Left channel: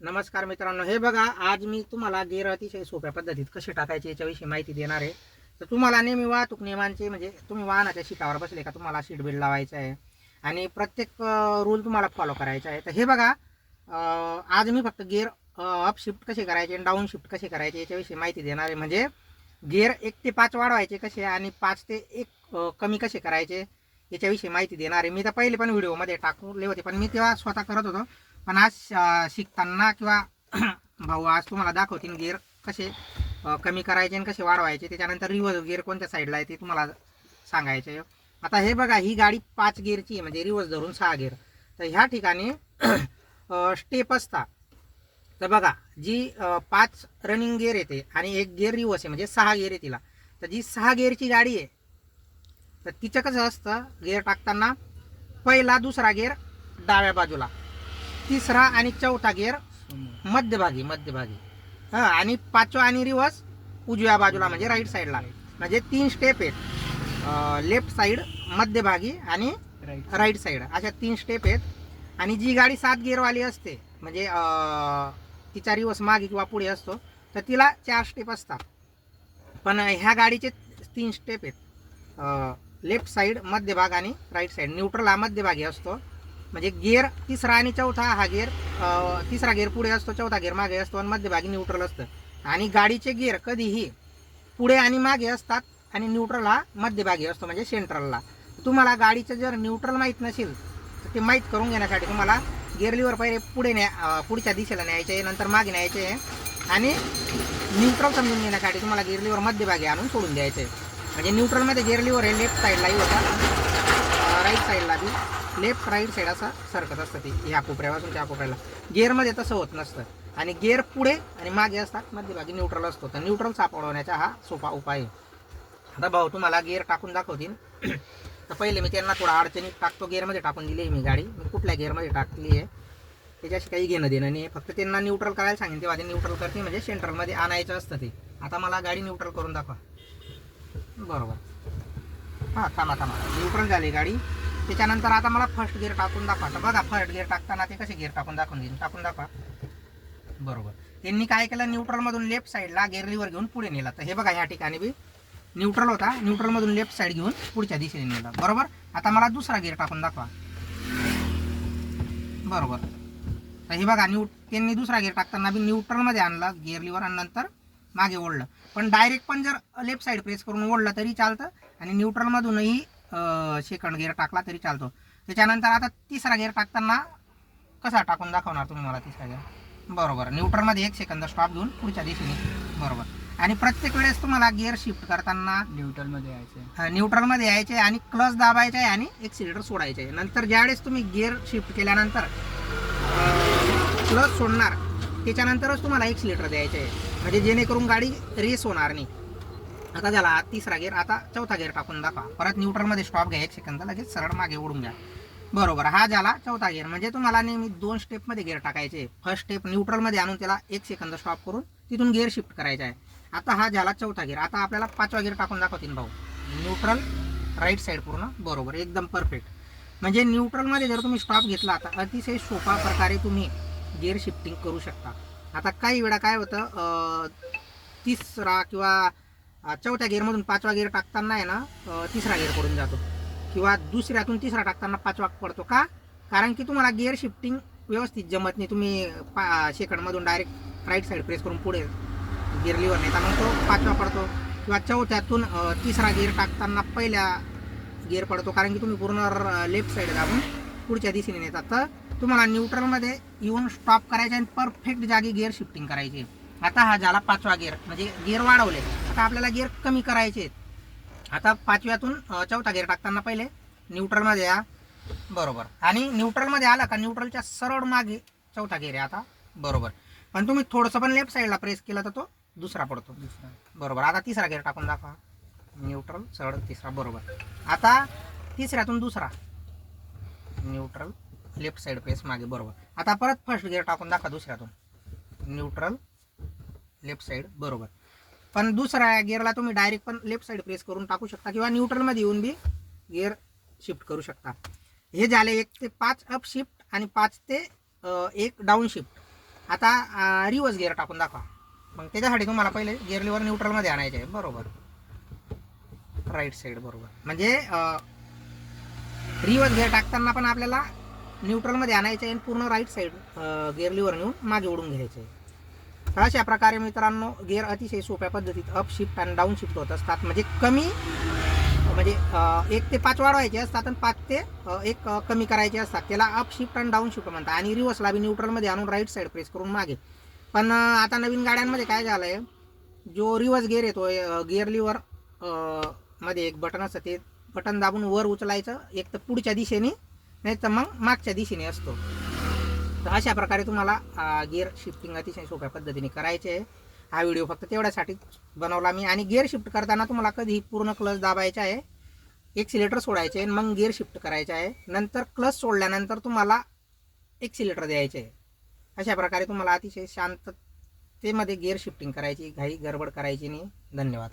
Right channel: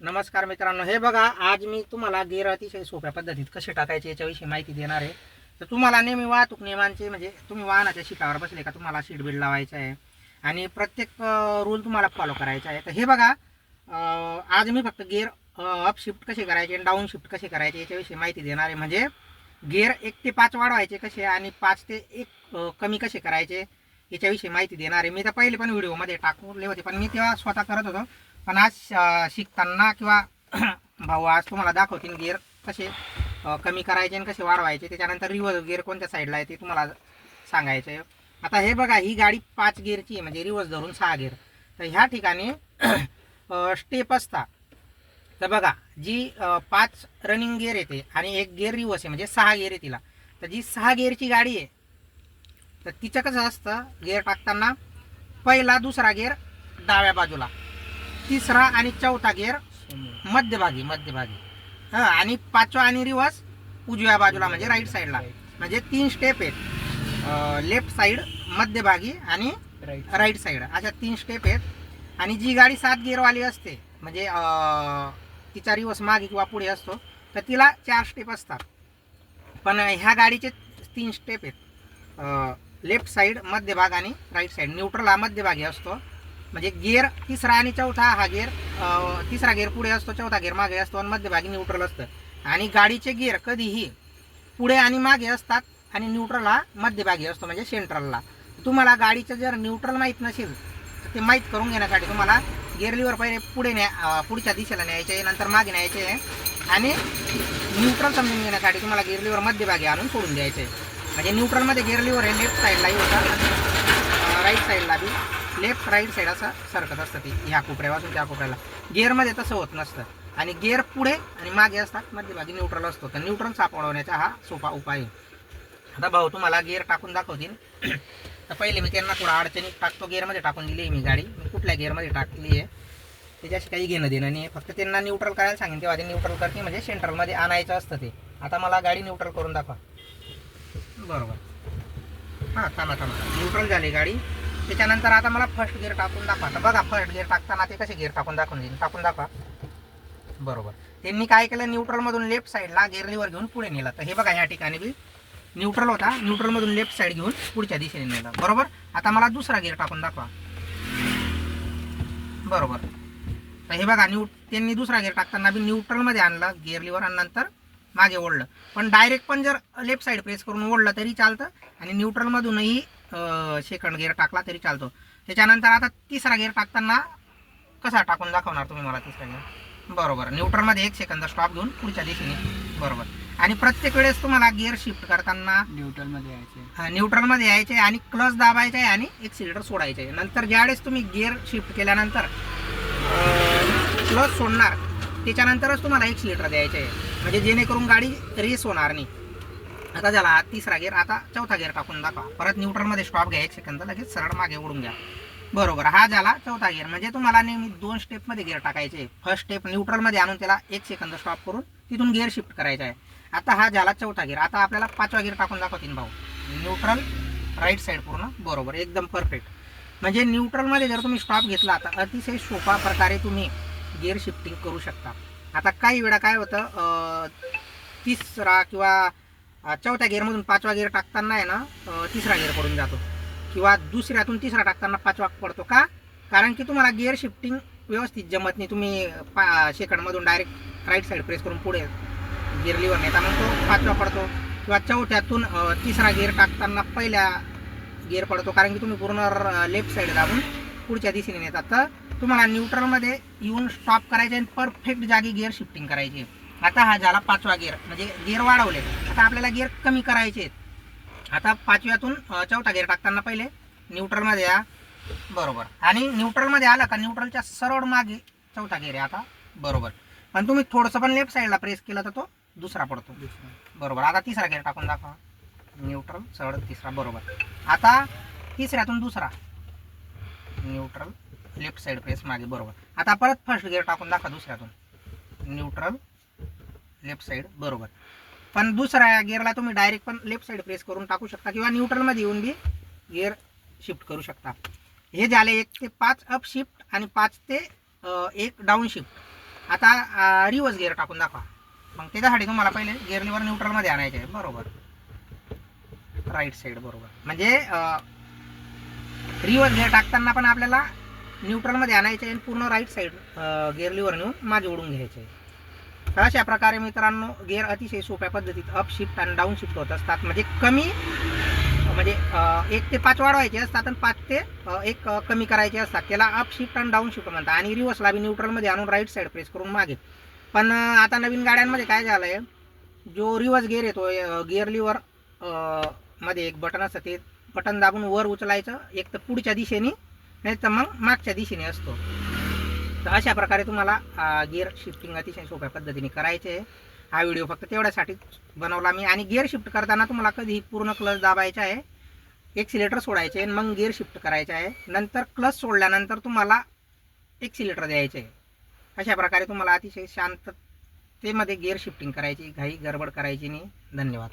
नमस्कार मित्रांनो, हे बघा आज मी तुम्हाला गिअर अतिशय सोप्या पद्धतीत कसे टाकायचे याच्याविषयी माहिती देणार आहे. तर तुम्हाला नेहमी वाहतूक नियमांचे म्हणजे तुम्ही वाहनाच्या सीटावर बसले का तुम्हाला सीट बेल्ट लावायचा आहे आणि प्रत्येक रूल तुम्हाला फॉलो करायचा आहे. तर हे बघा आज मी फक्त गिअर अप शिफ्ट कसे करायचे आणि डाऊन शिफ्ट कसे करायचे याच्याविषयी माहिती देणार आहे. म्हणजे गिअर 1 ते 5 वाढवायचे कसे आणि 5 ते 1 कमी कसे करायचे याच्याविषयी माहिती देणार आहे. मी तर पहिले पण व्हिडिओमध्ये टाकले होते, पण मी तेव्हा स्वतः करत होतो. पण आज शिकताना किंवा भाऊ आज तुम्हाला दाखवतील गिअर कसे कमी करायचे आणि कसे वाढवायचे. त्याच्यानंतर रिव्हर्स गिअर कोणत्या साईडला आहे ते तुम्हाला सांगायचं आहे. आता हे बघा, ही गाडी 5 गिअरची आहे, म्हणजे रिव्हर्स धरून 6 गिअर. तर ह्या ठिकाणी स्टेप असतात. तर बघा, जी 5 रनिंग गिअर येते आणि 1 गिअर रिव्हर्स आहे, म्हणजे 6 गिअर आहे तिला. तर जी 6 गिअरची गाडी आहे तर तिचं कसं असतं, गिअर टाकताना पहिला दुसरा गिअर डाव्या बाजूला, तिसरा आणि चौथा गिअर मध्यभागी हां, आणि 5वा आणि रिव्हर्स उजव्या बाजूला म्हणजे राईट साईडला. म्हणजे 3 स्टेप आहेत, लेफ्ट साईड, मध्यभागी आणि राईट साईड, अशा 3 स्टेप आहेत. आणि जी गाडी 7 गिअरवाली असते म्हणजे तिचा रिव्हर्स मागे किंवा पुढे असतो तर तिला 4 स्टेप असतात. पण ह्या गाडीचे 3 स्टेप आहेत, लेफ्ट साईड, मध्यभाग आणि राईट साईड. न्यूट्रल हा मध्यभागी असतो, म्हणजे गिअर तिसरा आणि चौथा हा गिअर, तिसरा गिअर पुढे असतो, चौथा गिअर मागे असतो आणि मध्यभागी न्यूट्रल असतं. आणि गाडीचे गिअर कधीही पुढे आणि मागे असतात आणि न्यूट्रल हा मध्यभागी असतो म्हणजे सेंट्रलला. तुम्हाला गाडीचं जर न्यूट्रल माहीत नसेल तर ते माहीत करून घेण्यासाठी तुम्हाला गिअर लिव्हर पहिले पुढच्या दिशेला न्यायचे आहे, नंतर मागे न्यायचे आहे. आणि न्यूट्रल समजून घेण्यासाठी तुम्हाला गिअर लिव्हर मध्यभागी आणून सोडून द्यायचे आहे. म्हणजे न्यूट्रलमध्ये गिअर लिव्हर हे लेफ्ट साईडलाही होतात आणि राईट साईडला बी लेफ्ट राईट साईड असा सरकत असतं ते, ह्या कोपऱ्यापासून त्या कोपऱ्याला. गिअरमध्ये तसं होत नसतं. आणि गिअर पुढे आणि मागे असतात, मध्यभागी न्यूट्रल असतो. तर न्यूट्रल सापडवण्याचा हा सोपा उपाय आहे. आता भाऊ तुम्हाला गिअर टाकून दाखवतील. तर पहिले मी त्यांना थोडा अडचणीत टाकतो. गिअरमध्ये टाकून दिली आहे मी गाडी, मी कुठल्या गिअरमध्ये टाकली आहे त्याच्याशी काही घेणं देणं नाही आहे. फक्त त्यांना न्यूट्रल करायला सांगेन तेव्हा ते न्यूट्रल करते, म्हणजे सेंट्रलमध्ये आणायचं असतं ते. आता मला गाडी न्यूट्रल करून दाखवा. बरोबर, हां, थांबा न्यूट्रल झाली गाडी. त्याच्यानंतर आता मला फर्स्ट गिअर टाकून दाखवा. तर बघा, फर्स्ट गिअर टाकताना ते कसे गिअर टाकून दाखवा. बरोबर, त्यांनी काय केलं, न्यूट्रलमधून लेफ्ट साईडला गिअर लिव्हर घेऊन पुढे नेला. तर हे बघा, ह्या ठिकाणी बी न्यूट्रल होता, न्यूट्रलमधून लेफ्ट साईड घेऊन पुढच्या दिशेने नेला. बरोबर. आता मला दुसरा गिअर टाकून दाखवा. बरोबर. तर हे बघा, त्यांनी दुसरा गिअर टाकताना बी न्यूट्रलमध्ये आणला गिअर लिव्हर आणि नंतर मागे ओढलं. पण डायरेक्ट पण जर लेफ्ट साईड प्रेस करून ओढलं तरी चालतं आणि न्यूट्रलमधूनही सेकंड गिअर टाकला तरी चालतो. त्याच्यानंतर आता तिसरा गिअर टाकताना कसा टाकून दाखवणार तुम्ही मला तिसरा गिअर? बरोबर, न्यूट्रलमध्ये 1 सेकंद स्टॉप घेऊन पुढच्या दिशेने. बरोबर. आणि प्रत्येक वेळेस तुम्हाला गिअर शिफ्ट करताना न्यूट्रलमध्ये यायचे आणि क्लच दाबायचे आहे आणि एक्सिलेटर सोडायचे आहे. नंतर ज्यावेळेस तुम्ही गिअर शिफ्ट केल्यानंतर क्लच सोडणार त्याच्यानंतरच तुम्हाला एक्सिलेटर द्यायचे आहे, म्हणजे जेणेकरून गाडी रेस होणार नाही. आता झाला तिसरा गिअर. आता चौथा गिअर टाकून दाखवा. परत न्यूट्रलमध्ये स्टॉप घ्या 1 सेकंद, लगेच सरळ मागे ओढून घ्या. बरोबर, हा झाला चौथा गिअर. म्हणजे तुम्हाला नेहमी 2 स्टेपमध्ये गिअर टाकायचे. फर्स्ट स्टेप न्यूट्रलमध्ये आणून त्याला 1 सेकंद स्टॉप करून तिथून गिअर शिफ्ट करायचा आहे. आता हा झाला चौथा गिअर. आता आपल्याला 5वा गिअर टाकून दाखवतील भाऊ. न्यूट्रल, राईट साईड पूर्ण. बरोबर, एकदम परफेक्ट. म्हणजे न्यूट्रलमध्ये जर तुम्ही स्टॉप घेतला तर अतिशय सोपा प्रकारे तुम्ही गिअर शिफ्टिंग करू शकता. आता काही वेळा काय होतं, तिसरा किंवा चौथ्या गिअरमधून 5वा गिअर टाकताना आहे ना, तिसरा गिअर पडून जातो किंवा दुसऱ्यातून तिसरा टाकताना 5वा पडतो. का? कारण की तुम्हाला गिअर शिफ्टिंग व्यवस्थित जमत नाही. तुम्ही सेकंडमधून डायरेक्ट राईट साईड प्रेस करून पुढे गिअर लिव्हर नेता, मग तो 5वा पडतो. किंवा चौथ्यातून तिसरा गिअर टाकताना पहिल्या गिअर पडतो, कारण की तुम्ही पूर्ण लेफ्ट साईड दाबून पुढच्या दिशेने नेतात. तर तुम्हाला न्यूट्रलमध्ये येऊन स्टॉप करायचे आणि परफेक्ट जागी गिअर शिफ्टिंग करायची. आता हा झाला 5वा गिअर, म्हणजे गिअर वाढवले. आता आपल्याला गिअर कमी करायचे आहेत. आता 5व्यातून 4था गिअर टाकताना पहिले न्यूट्रलमध्ये या. बरोबर, आणि न्यूट्रलमध्ये आला का न्यूट्रलच्या सरळ मागे 4था गिअर आहे आता. बरोबर, पण तुम्ही थोडंसं पण लेफ्ट साईडला प्रेस केलं तर तो दुसरा पडतो. बरोबर. आता तिसरा गिअर टाकून दाखवा. न्यूट्रल, सरळ, तिसरा. बरोबर. आता तिसऱ्यातून दुसरा, न्यूट्रल, लेफ्ट साईड प्रेस मागे. बरोबर. आता परत फर्स्ट गिअर टाकून दाखवा दुसऱ्यातून. Neutral, left side. बरोबर. पण दुसऱ्या गिअरला तुम्ही डायरेक्ट पण लेफ्ट साईड प्रेस करून टाकू शकता किंवा न्यूट्रलमध्ये येऊन बी गिअर शिफ्ट करू शकता. हे झाले 1 ते 5 अप शिफ्ट आणि 5 ते 1 डाऊन शिफ्ट. आता रिवर्स गिअर टाकून दाखवा. मग त्याच्यासाठी तुम्हाला पहिले गिअर लिव्हर न्यूट्रलमध्ये आणायचे आहे. बरोबर, राईट साईड बरोबर. म्हणजे रिवर्स गिअर टाकताना पण आपल्याला न्यूट्रलमध्ये आणायचे आणि पूर्ण राईट साईड गिअर लिव्हर नेऊन मागे ओढून घ्यायचे आहे. तर अशा प्रकारे मित्रांनो गिअर अतिशय सोप्या पद्धतीत अप शिफ्ट आणि डाऊन शिफ्ट होत असतात. म्हणजे कमी म्हणजे 1 ते 5 वाढवायचे असतात आणि 5 ते 1 कमी करायचे असतात. त्याला अप शिफ्ट आणि डाऊन शिफ्ट म्हणतात. आणि रिव्हर्सला बी न्यूट्रलमध्ये आणून राईट साईड प्रेस करून मागे. पण आता नवीन गाड्यांमध्ये काय झालं आहे, जो रिव्हर्स गिअर येतो गिअर लिव्हर मध्ये एक बटन असतं, ते बटन दाबून वर उचलायचं, एक तर पुढच्या दिशेने नाही तर मग मागच्या दिशेने असतो. तर अशा प्रकारे तुम्हाला गिअर शिफ्टिंग अतिशय सोप्या पद्धतीने करायचे आहे. हा व्हिडिओ फक्त तेवढ्यासाठीच बनवला मी. आणि गिअर शिफ्ट करताना तुम्हाला कधी पूर्ण क्लच दाबायचा आहे, एक्सिलेटर सोडायचे आहे, मग गिअर शिफ्ट करायचे आहे. नंतर क्लच सोडल्यानंतर तुम्हाला एक्सिलेटर द्यायचे आहे. अशा प्रकारे तुम्हाला अतिशय शांततेमध्ये गिअर शिफ्टिंग करायची, घाई गडबड करायची नाही. धन्यवाद.